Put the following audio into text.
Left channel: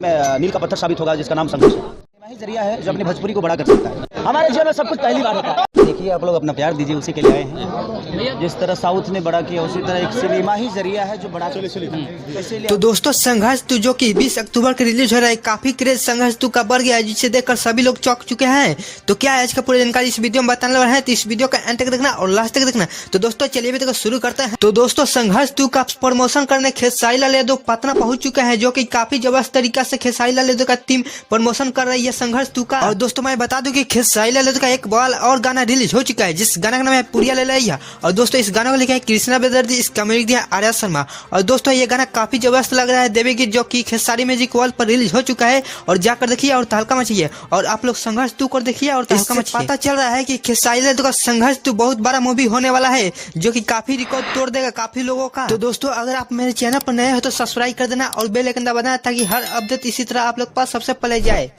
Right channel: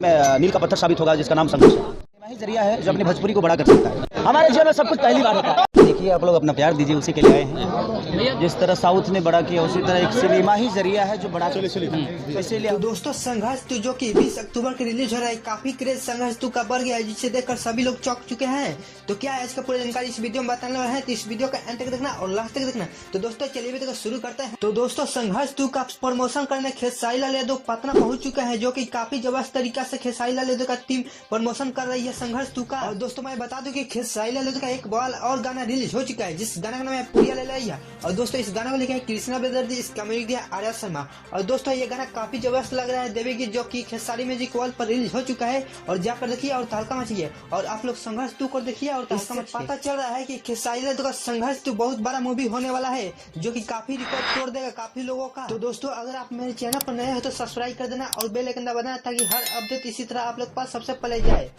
में नील का पत्थर साबित होगा जिसका नाम संघर्ष है। वही जरिया है जो अपनी भोजपुरी को बड़ा कर सकता है। हमारे जीवन में सब कुछ पहली बार होता है। देखिए आप लोग अपना प्यार दीजिए, उसी के लिए आए हैं। जिस तरह साउथ ने बड़ा किया उसी तरह एक सिनेमा ही जरिया है जो बड़ा इसीलिए। तो दोस्तों संघर्ष 2 जो कि 20 अक्टूबर को रिलीज हो रहा है, काफी क्रेज संघर्ष 2 का बढ़ गया है, जिसे देखकर सभी लोग चौंक चुके हैं। तो क्या है आज का पूरी जानकारी इस वीडियो में बताने वाले हैं, तो इस वीडियो का एंड तक देखना और लास्ट तक देखना। तो दोस्तों चलिए वीडियो को शुरू करते हैं। तो दोस्तों संघर्ष 2 का प्रमोशन करने खेसारी लाल यादव पटना पहुंच चुके हैं, जो कि काफी जबरदस्त तरीका से खेसारी लाल यादव का टीम प्रमोशन कर रही है संघर्ष 2 का। और दोस्तों मैं बता दूं कि खेसारी लाल यादव का एक बाल और गाना रिलीज हो चुका है, जिस गाना का नाम है पुरिया ले लिया। और दोस्तों इस गाना को लिखा है कृष्णा बेदर्जी, इसका म्यूजिक दिया आर्या शर्मा। और दोस्तों ये गाना काफी जबरदस्त लग रहा है देवी गीत, जो कि खेसारी म्यूजिक वर्ल्ड पर रिलीज हो चुका है। और जाकर देखिए और तहलका मचिए, और आप लोग संघर्ष 2 को देखिए और तहलका मचिए। पता चल रहा है कि खेसारी लाल यादव का संघर्ष 2 बहुत बड़ा मूवी होने वाला है, जो कि काफी रिकॉर्ड तोड़ देगा काफी लोगों का। तो दोस्तों अगर आप मेरे चैनल पर नए हो तो सब्सक्राइब कर देना और बेल आइकन दबा देना, ताकि हर अपडेट इसी तरह आप लोग पास सबसे पहले जाए।